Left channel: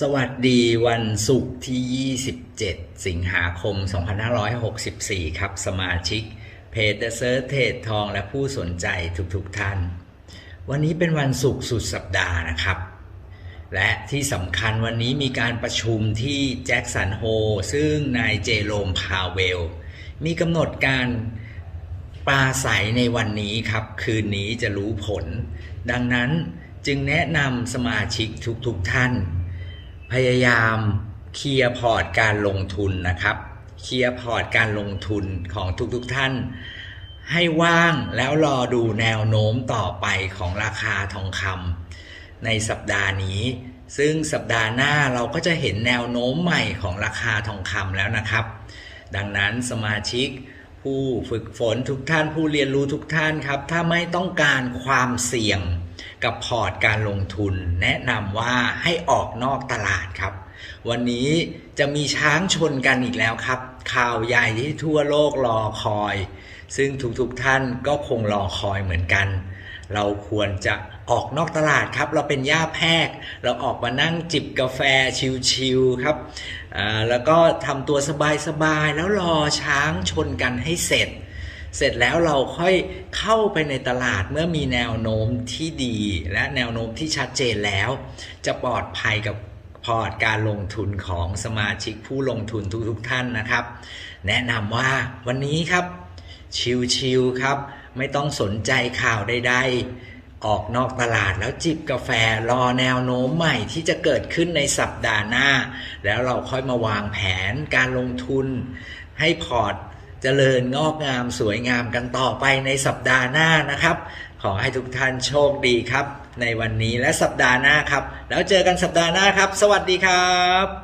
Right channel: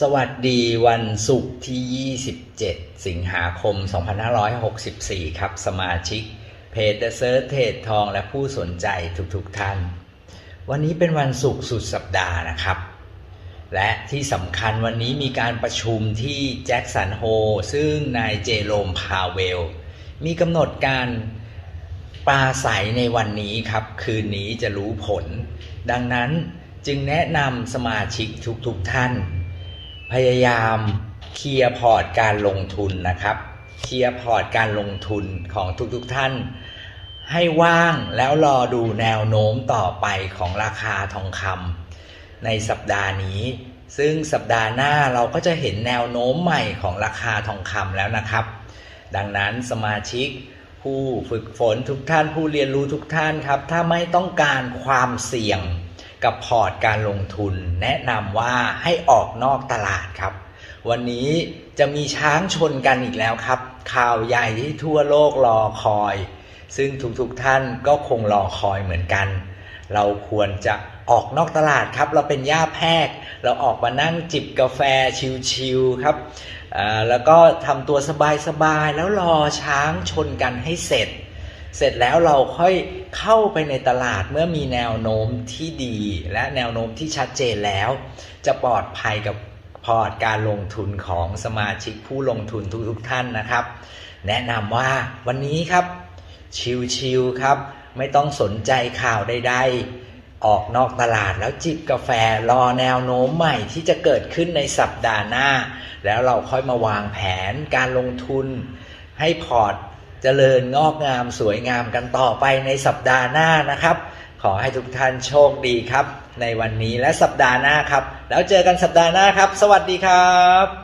สวัสดีวันศุกร์ที่ 27 สิงหาคม 2564 ครับ สมาชิก เพจ The Search เทรดทองและผู้สนใจทุกๆทท่าน วันนี้เป็นวันศุกร์สุดสัปดาห์นะครับ และที่สำคัญวันนี้มีการประชุมที่แจ็คสันโฮซึ่งนายเจโรมพาเวล มีกำหนดการปราศัยในวันนี้ครับ คืนนี้จะรู้ผล ดังนั้นจึงแนะนำสมาชิกทุกๆทท่าน พยายามเคลียร์พอร์ตการลงทุนนะครับเคลียร์พอร์ตการลงทุนของทุกๆทท่าน ให้ว่างแล้วรอดูแนวโน้มต่อไปของราคาทองคำในสัปดาห์นี้ ซึ่งสัปดาห์หน้าเราก็จะเห็นแนวโน้มใหม่ของราคาทองคำแล้วนะครับ ดังนั้นสมาชิกผู้ฝึกฝนทุกท่านผู้เรียนรู้ทุกท่านครับ ถ้าไม่ต้องการความเสี่ยง กับพอร์ตการลงทุน แนะนำว่าให้ออกนอกตลาดครับ วันนี้จะมีช้างชนกันอีกแล้วครับ ข่าวใหญ่ที่ทั่วโลกรอคอย ซึ่งทุกๆทท่านก็คงรอคอยเหมือนกัน เราควรจะออกนอกตลาดครับ เราเป็นย่าแพกเราออกมานั่งจิบกาแฟชิลๆครับแล้วก็ทำตัวสบายๆแล้วรอช้างชนกันให้เสร็จ เสร็จแล้วเราค่อยเข้าไปในตลาดเมื่อมีแนวโน้มที่ดี และแนวโน้มที่ชัดเจนแล้ว จะปลอดภัยกับพอร์ตการลงทุนของสมาชิกผู้ลงทุนทุกๆท่านนะครับ แนะนำว่าวันนี้ครับ ชิลๆครับ ไม่ต้องสนใจข่าวใดๆ ออกนอกตลาดแล้วจิบกาแฟรอแนวโน้มใหม่ที่จะเกิดขึ้นในสัปดาห์หน้า แล้วเราค่อยมาวางแผนการลงทุนให้พอร์ต เจริญงอกงามสวยงามกันต่อไปในสัปดาห์หน้านะครับ ขอให้ทุกท่านโชคดีครับ ในวันนี้และสัปดาห์หน้าครับ แล้วเจอกันสัปดาห์หน้าครับ สวัสดีครับ